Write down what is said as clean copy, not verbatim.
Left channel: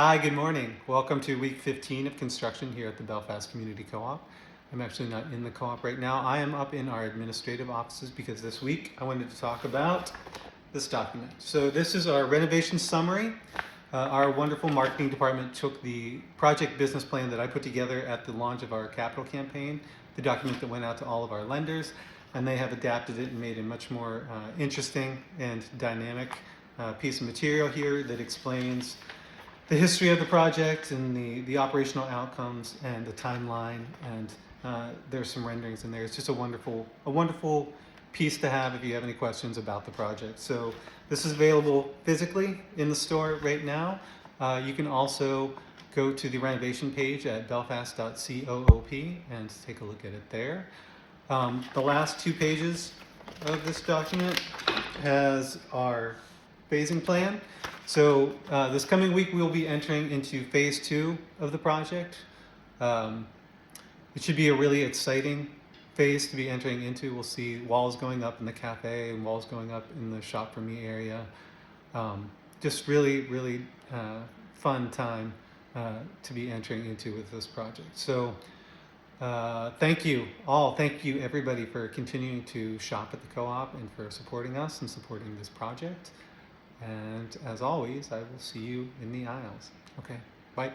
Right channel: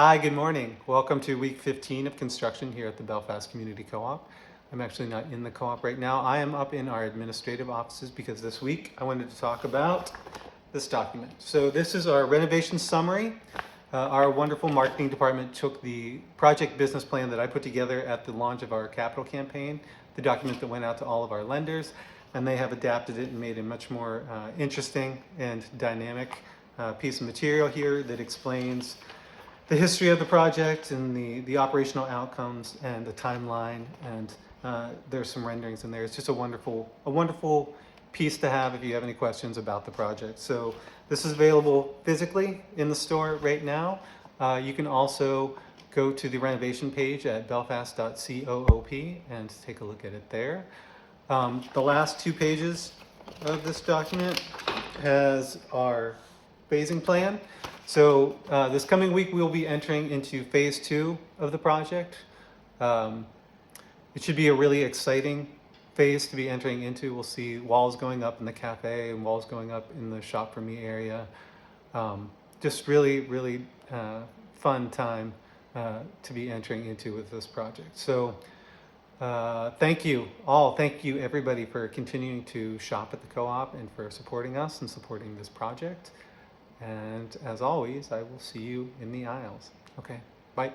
Hi, good morning. Welcome to week 15 of construction here at the Belfast Community Co-op. I'm actually not in the co-op right now. I am up in our administrative offices because this week I wanted to talk about this document. So this is our renovation summary. Our wonderful marketing department took the project business plan that I put together at the launch of our capital campaign, the document that went out to all of our lenders, and they have adapted it and made a much more interesting and dynamic piece of material here that explains the history of the project and the operational outcomes and the timeline, and there's some renderings in there. It's just a wonderful piece to have if you have any questions about the project. So this is available physically in the store right now. You can also go to the renovation page at belfast.coop and take a look at it there. The last 2 pages of this document has our phasing plan. So this coming week we'll be entering into phase 2 of the project. It should be a really exciting phase to be entering into. We'll see walls going up in the cafe and walls going up in the shop for me area. Just really fun time to be entering into with this project. So thank you all. Thank you everybody for continuing to shop at the co-op and for supporting us and supporting this project. And as always, I will see you in the aisles. Okay, bye.